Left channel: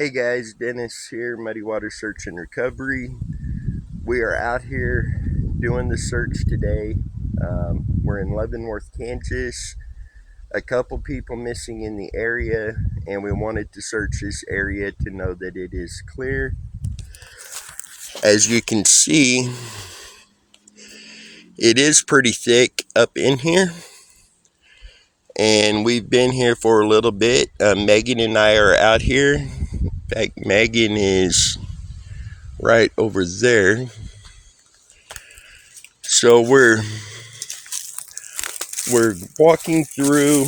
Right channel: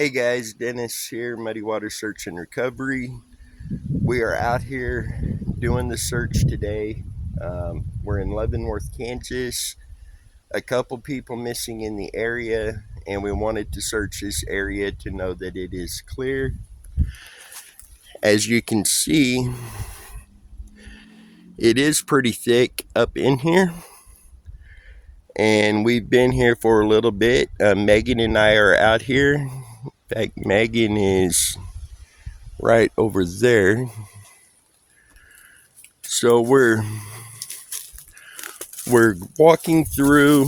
Hey guys, Dennis here, Muddy Water Search and Recovery. We are out here doing the search today. We're in Leavenworth, Kansas. A couple people missing in the area, and we wanted to search this area to know that it is clear. As you can see, it is pretty thick up in here, and we've been here for a little bit. Megan and I are out here. In fact, Megan is right over there. So we're walking through,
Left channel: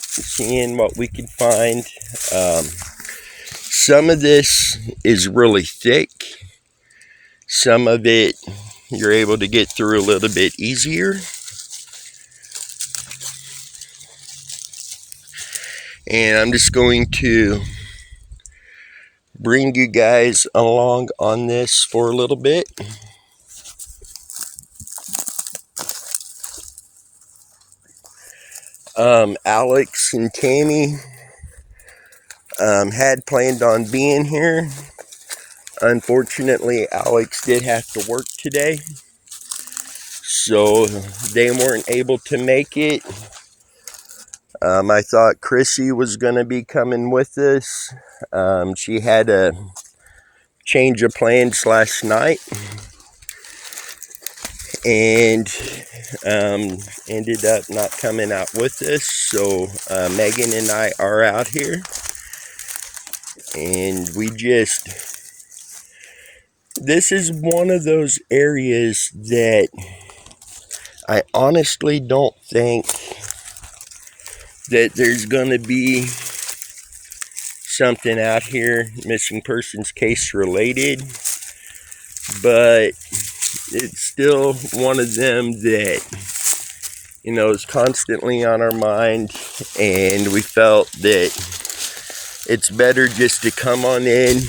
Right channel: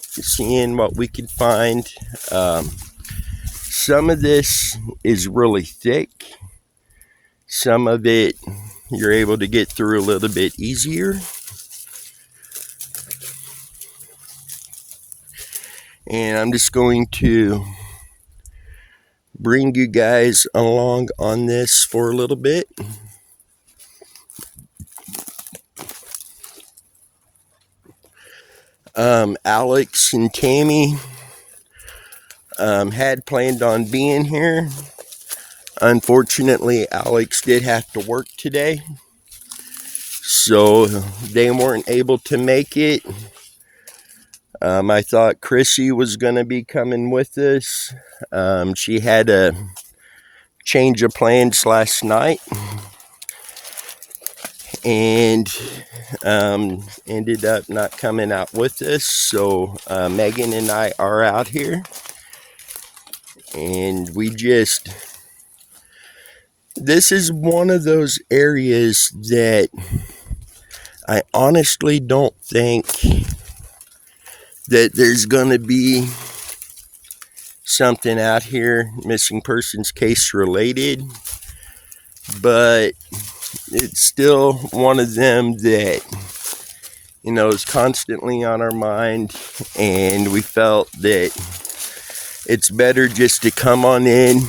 seeing what we can find. Some of this is really thick. Some of it you're able to get through a little bit easier. And I'm just going to bring you guys along on this for a little bit. Alex and Tammy had planned on being here. Unfortunately, Alex did have to work today, so they weren't able to make it. I thought Chrissy was going to be coming with us. She had a change of plans last night and ended up not coming out with us. So Megan and I are out here, and this is one of those areas that I honestly don't think that there's gonna be something out here missing persons case related, but it's still one of them that is constantly on our mind, and we felt that it's better just to come on in,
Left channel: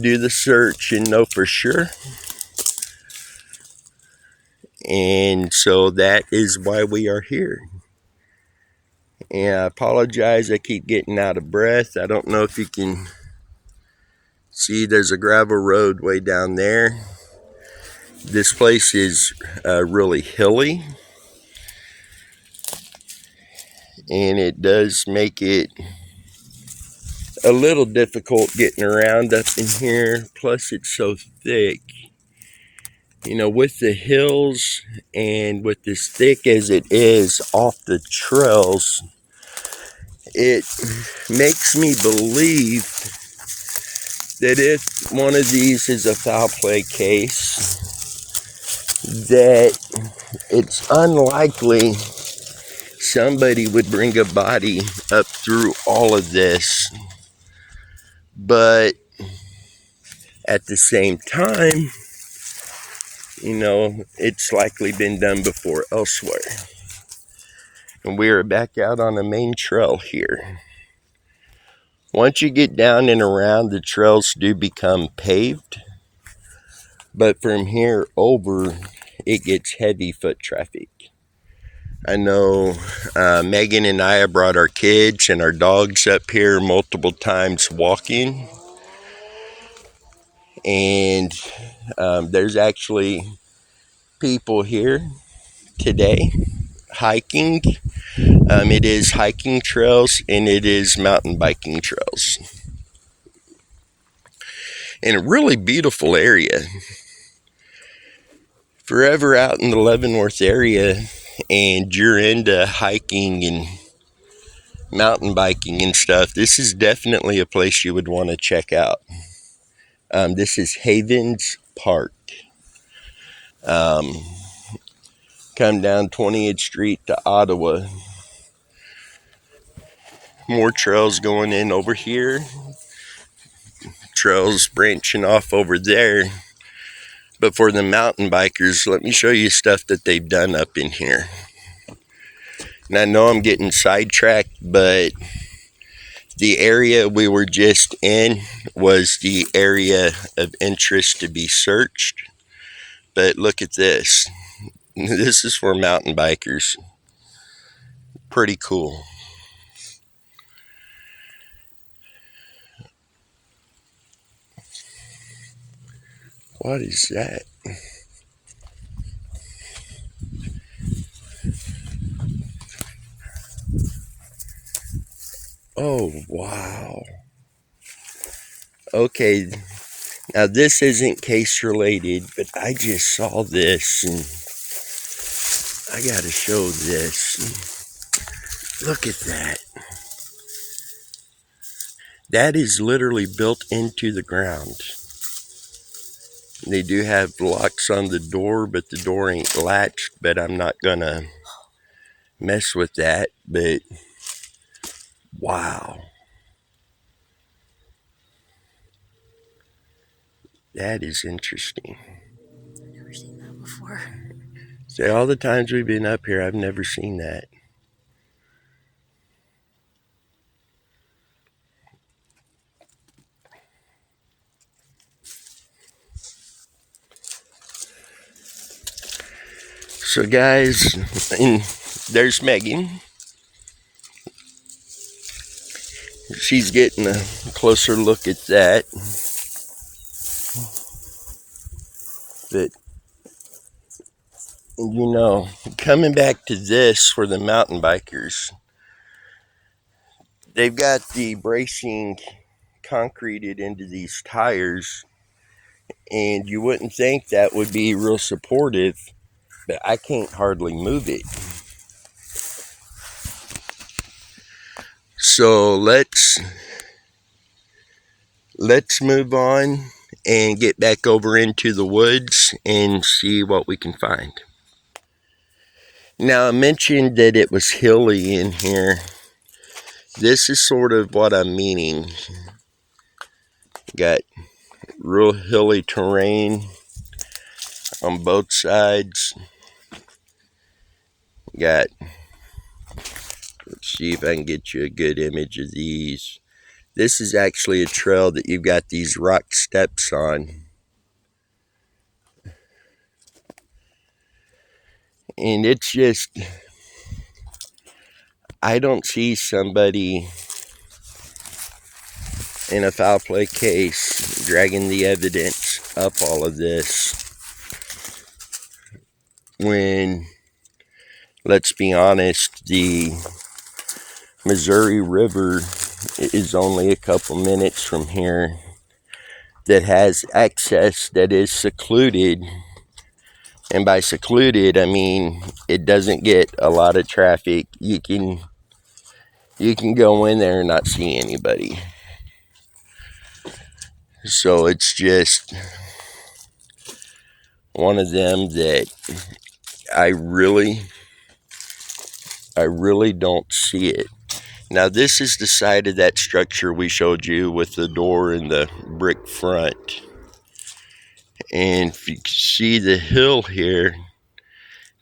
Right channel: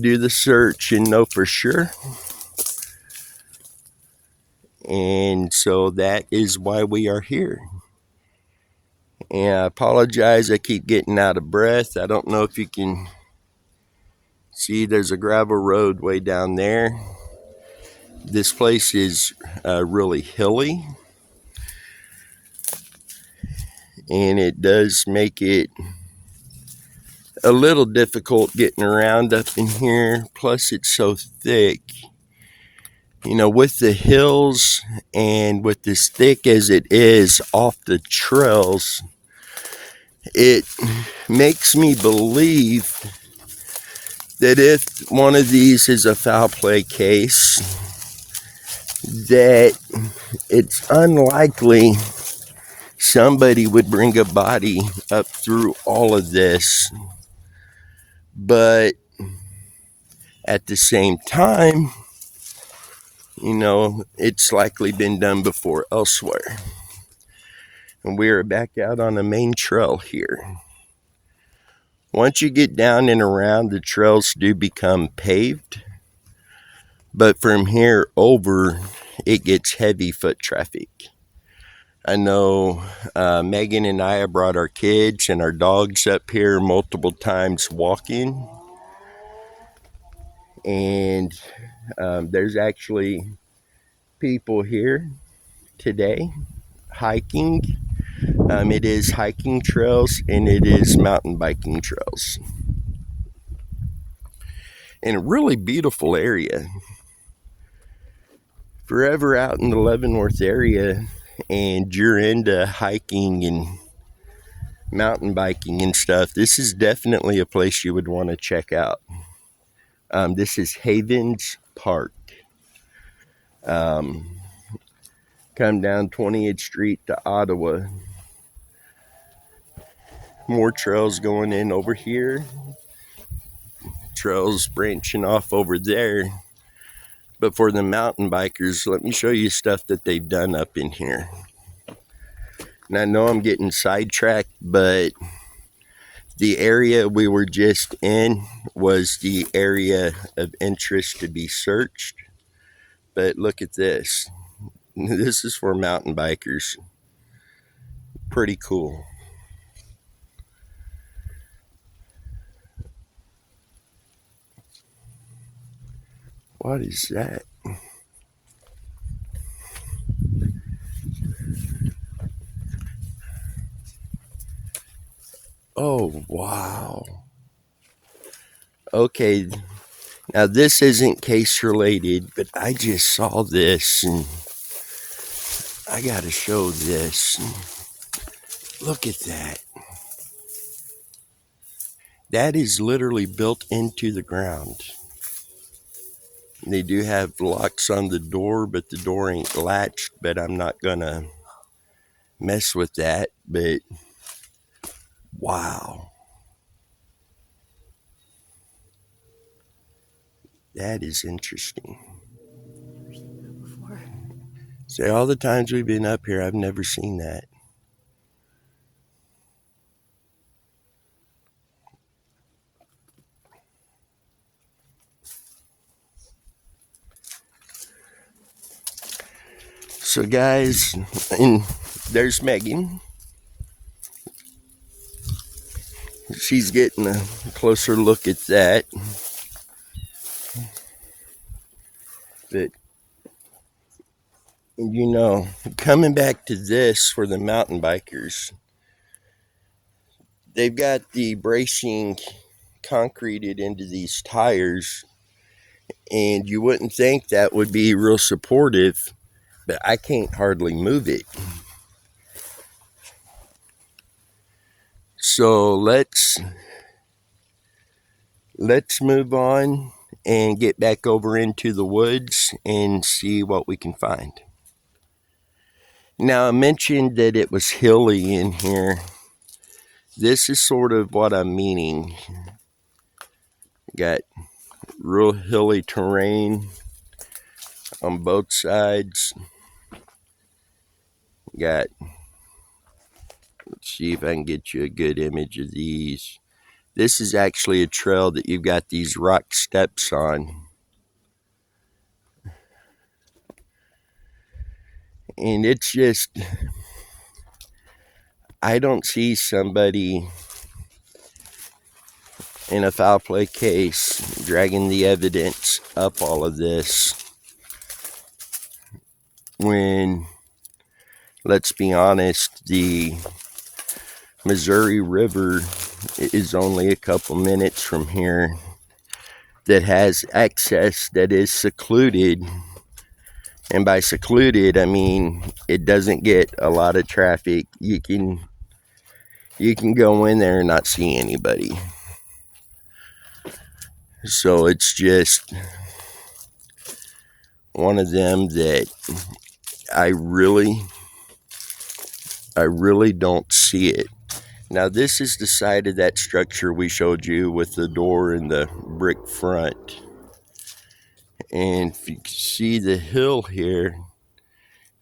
do the search, and know for sure. And so that is why we are here. And I apologize, I keep getting out of breath. I don't know if you can see, there's a gravel road way down there. This place is really hilly, and it does make it a little difficult getting around up in here. Plus it's so thick. With the hills and with as thick as it is off the trails, it makes me believe that if one of these is a foul play case, that it's unlikely somebody would bring a body up through all of this. But at the same time, it's likely been done before elsewhere. And we are back out on the main trail here. Once you get down and around, the trails do become paved, but from here over, it gets heavy foot traffic. I know Megan and I have brought our kids and our dogs up here multiple times walking, and there's actually people here today hiking. It is hiking trails and it is mountain biking trails in a really beautiful area. Forever out in the Leavenworth area and you're into hiking and mountain biking and stuff, this is definitely a place you would want to check out. This is Havens Park. Come down 20th Street to Ottawa. More trails going in over here. Trails branching off over there. But for the mountain bikers, let me show you stuff that they've done up in here. And I know I'm getting sidetracked, but the area we were just in was the area of interest to be searched. But look at this. This is for mountain bikers. Pretty cool. What is that? Oh, wow. Okay, now this isn't case related, but I just saw this and I gotta show this. Look at that. That is literally built into the ground. They do have locks on the door, but the door ain't latched, but I'm not gonna mess with that. But wow, that is interesting. I've never seen that before. So all the times we've been up here, I've never seen that. So guys, and there's Megan. She's getting a closer look at that. But, you know, coming back to this for the mountain bikers, they've got the bracing concreted into these tires, and you wouldn't think that would be real supportive, but I can't hardly move it. So let's move on and get back over into the woods and see what we can find. Now, I mentioned that it was hilly in here. This is sort of what I'm meaning. Got real hilly terrain on both sides. Got, let's see if I can get you a good image of these. This is actually a trail that you've got these rock steps on. And it's just, I don't see somebody in a foul play case dragging the evidence up all of this when, let's be honest, the Missouri River is only a couple minutes from here that has access that is secluded. And by secluded, I mean it doesn't get a lot of traffic. You can go in there and not see anybody. So it's just one of them that I really don't see it. Now this is the side of that structure we showed you with the door and the brick front. And if you can see the hill here,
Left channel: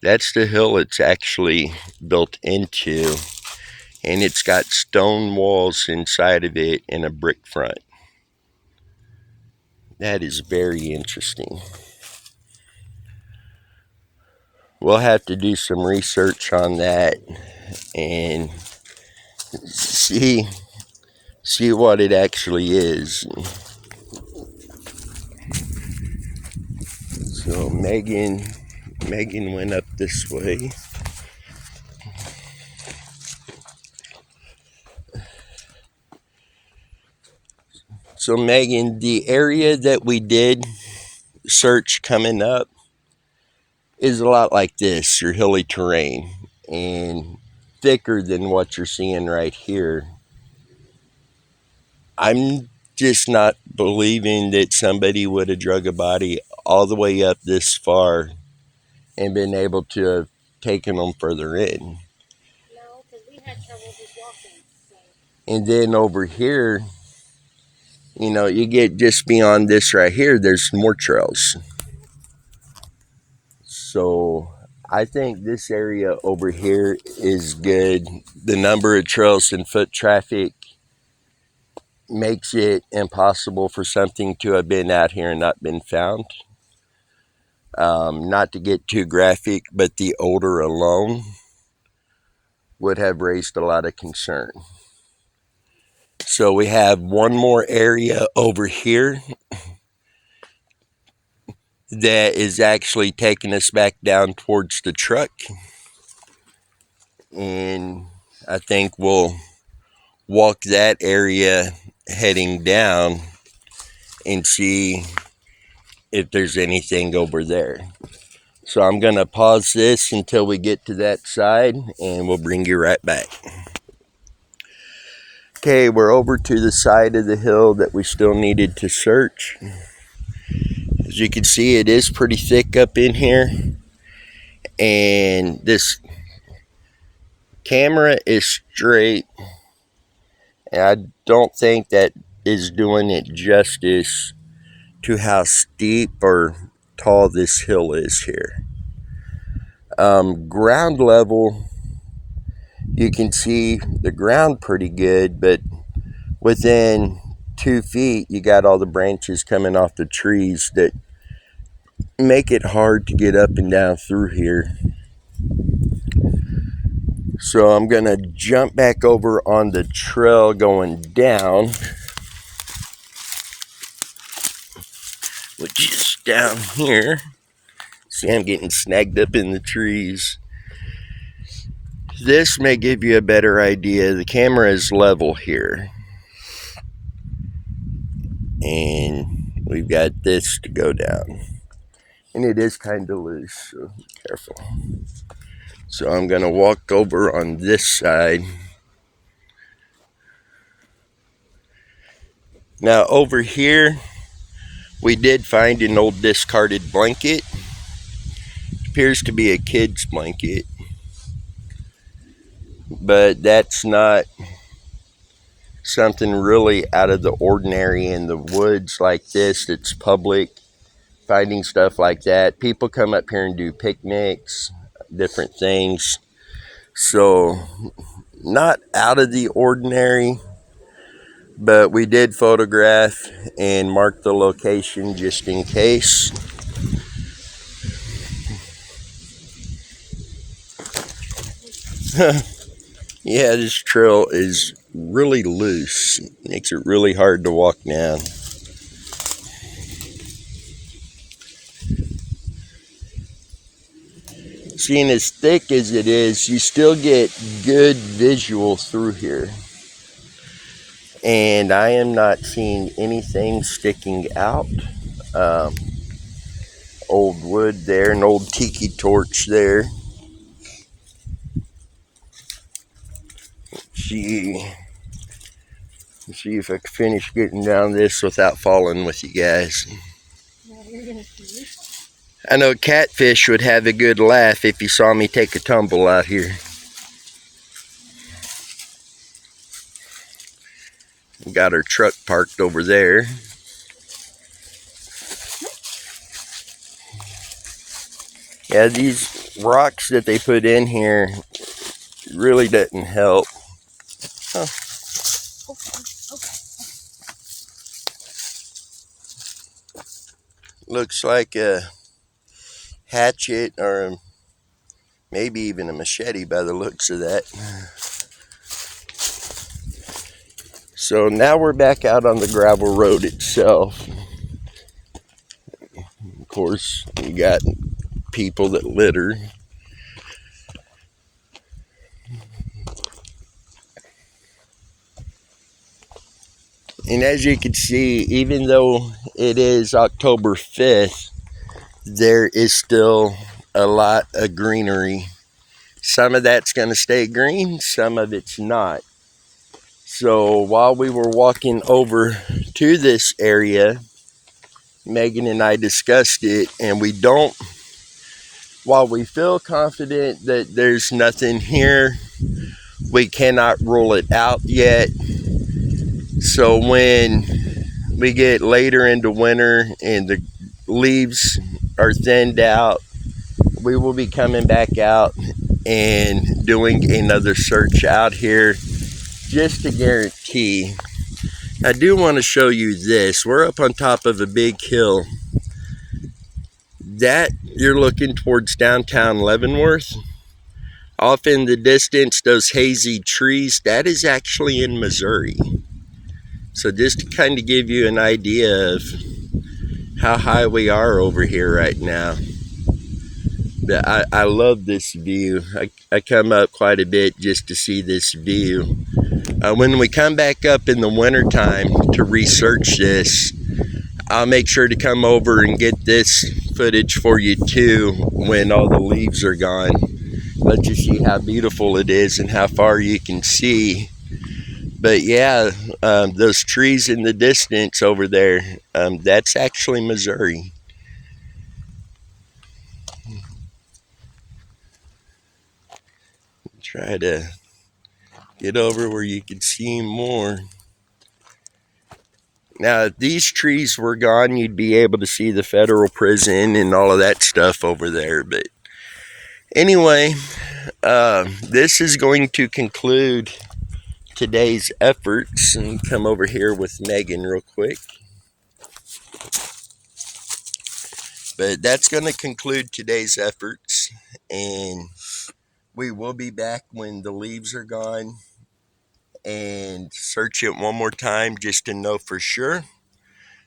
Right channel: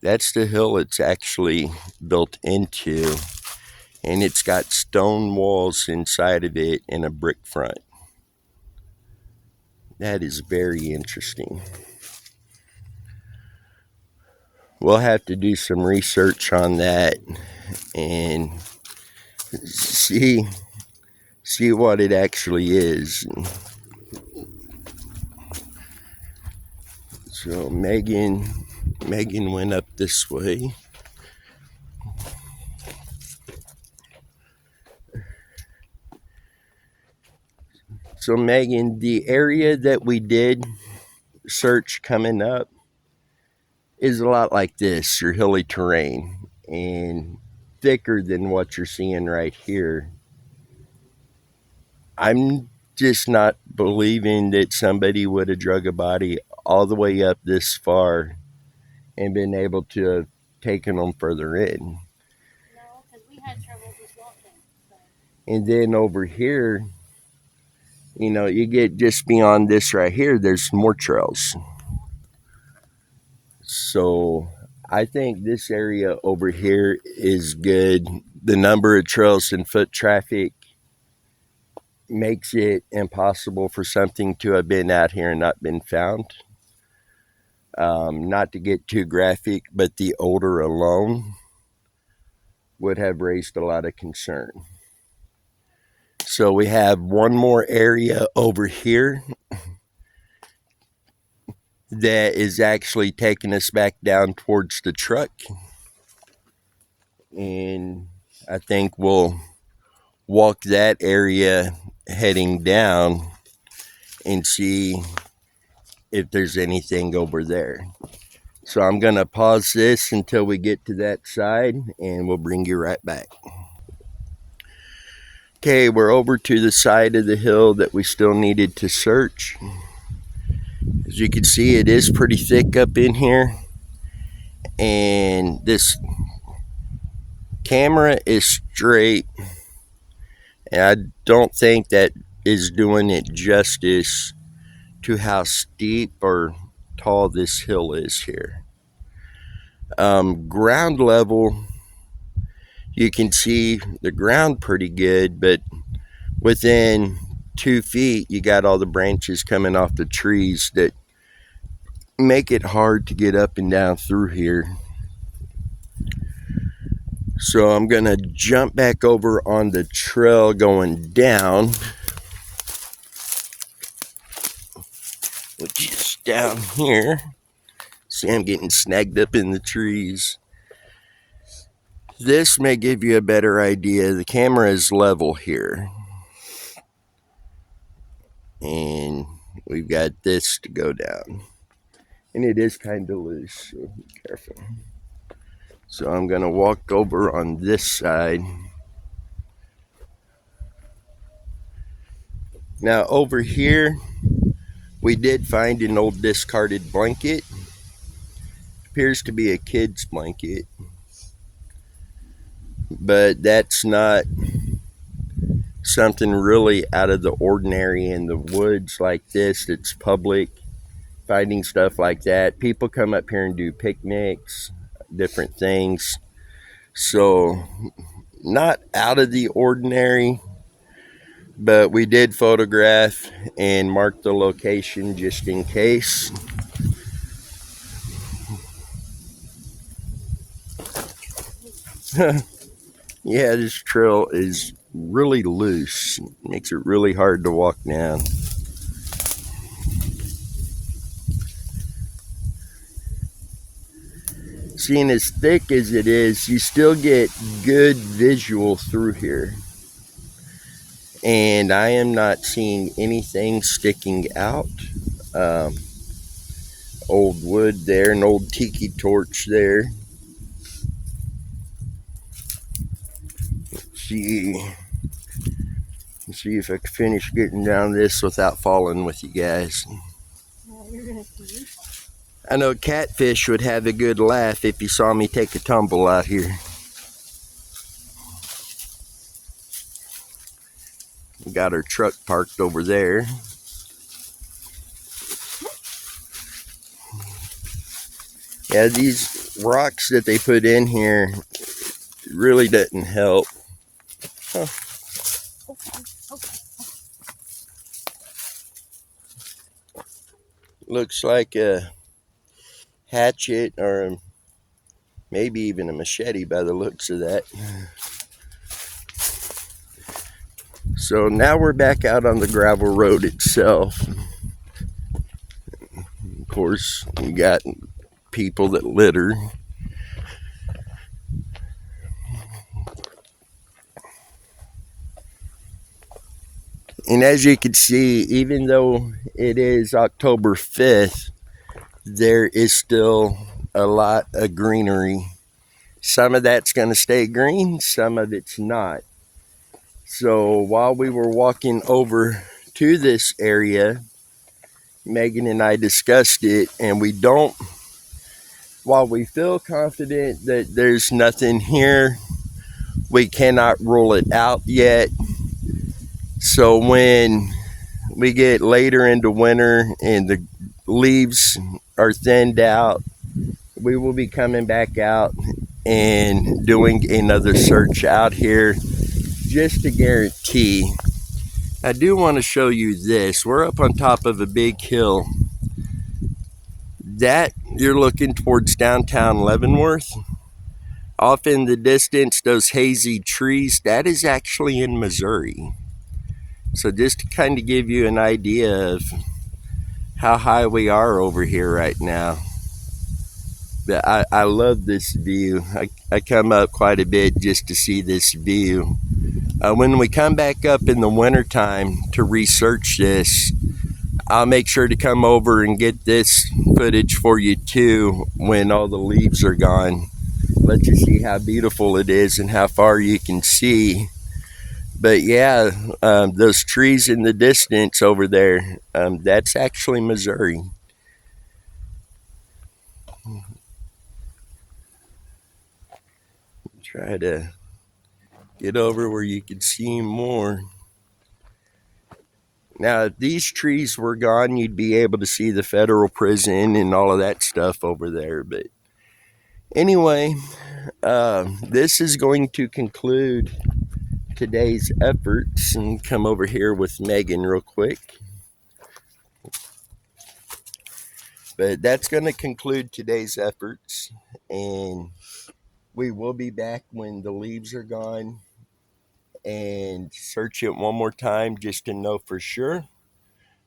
that's the hill it's actually built into. And it's got stone walls inside of it and a brick front. That is very interesting. We'll have to do some research on that and see what it actually is. So Megan went up this way. So Megan, the area that we did search coming up is a lot like this, your hilly terrain, and thicker than what you're seeing right here. I'm just not believing that somebody would have drug a body all the way up this far and been able to have taken them further in. No, because we had trouble just walking. So. And then over here, you know, you get just beyond this right here, there's more trails. So I think this area over here is good. The number of trails and foot traffic makes it impossible for something to have been out here and not been found. Not to get too graphic, but the odor alone would have raised a lot of concern. So we have one more area over here. that is actually taking us back down towards the truck. And I think we'll walk that area heading down and see if there's anything over there. So I'm going to pause this until we get to that side, and we'll bring you right back. Okay, we're over to the side of the hill that we still needed to search. As you can see, it is pretty thick up in here, and this camera is straight, and I don't think that is doing it justice to how steep or tall this hill is here. Ground level, you can see the ground pretty good, but within 2 feet you got all the branches coming off the trees that make it hard to get up and down through here. So I'm gonna jump back over on the trail going down, which is down here. See, I'm getting snagged up in the trees. This may give you a better idea. The camera is level here, and we've got this to go down, and it is kind of loose, so be careful. So I'm gonna walk over on this side. Now over here, we did find an old discarded blanket. It appears to be a kid's blanket, but that's not something really out of the ordinary in the woods like this. It's public. Finding stuff like that, people come up here and do picnics, different things. So not out of the ordinary, but we did photograph and mark the location just in case. Yeah, this trail is really loose. It makes it really hard to walk down. Seeing as thick as it is, you still get good visual through here. And I am not seeing anything sticking out. Old wood there, an old tiki torch there. See if I can finish getting down this without falling with you guys. I know Catfish would have a good laugh if he saw me take a tumble out here. We got our truck parked over there. Yeah, these rocks that they put in here really doesn't help. Huh. Looks like a hatchet or maybe even a machete by the looks of that. So now we're back out on the gravel road itself. Of course, we got people that litter. And as you can see, even though it is October 5th, there is still a lot of greenery. Some of that's going to stay green, some of it's not. So while we were walking over to this area, Megan and I discussed it, and while we feel confident that there's nothing here, we cannot rule it out yet. So when we get later into winter and the leaves are thinned out, we will be coming back out and doing another search out here just to guarantee. I do want to show you this. We're up on top of a big hill. That you're looking towards downtown Leavenworth. Off in the distance, those hazy trees, that is actually in Missouri. So just to kind of give you an idea of how high we are over here right now. But I love this view. I come up quite a bit just to see this view. When we come back up in the wintertime to research this, I'll make sure to come over and get this footage for you too when all the leaves are gone. Let you see how beautiful it is and how far you can see. But yeah, those trees in the distance over there, that's actually Missouri. Try to get over where you can see more. Now, if these trees were gone, you'd be able to see the federal prison and all of that stuff over there. But anyway, this is going to conclude today's efforts. And come over here with Megan real quick. But that's going to conclude today's efforts. And we will be back when the leaves are gone and search it one more time just to know for sure.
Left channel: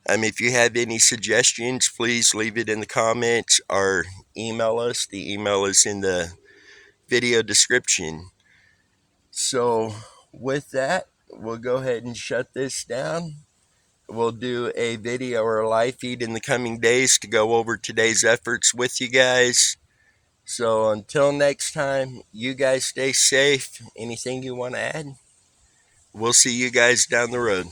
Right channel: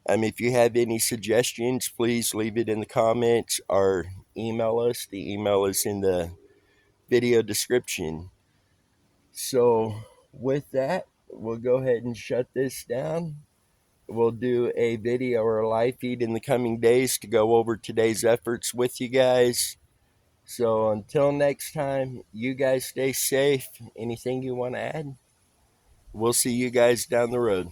If you have any suggestions, please leave it in the comments or email us. The email is in the video description. So with that, we'll go ahead and shut this down. We'll do a video or a live feed in the coming days to go over today's efforts with you guys. So until next time, you guys stay safe. Anything you want to add? We'll see you guys down the road.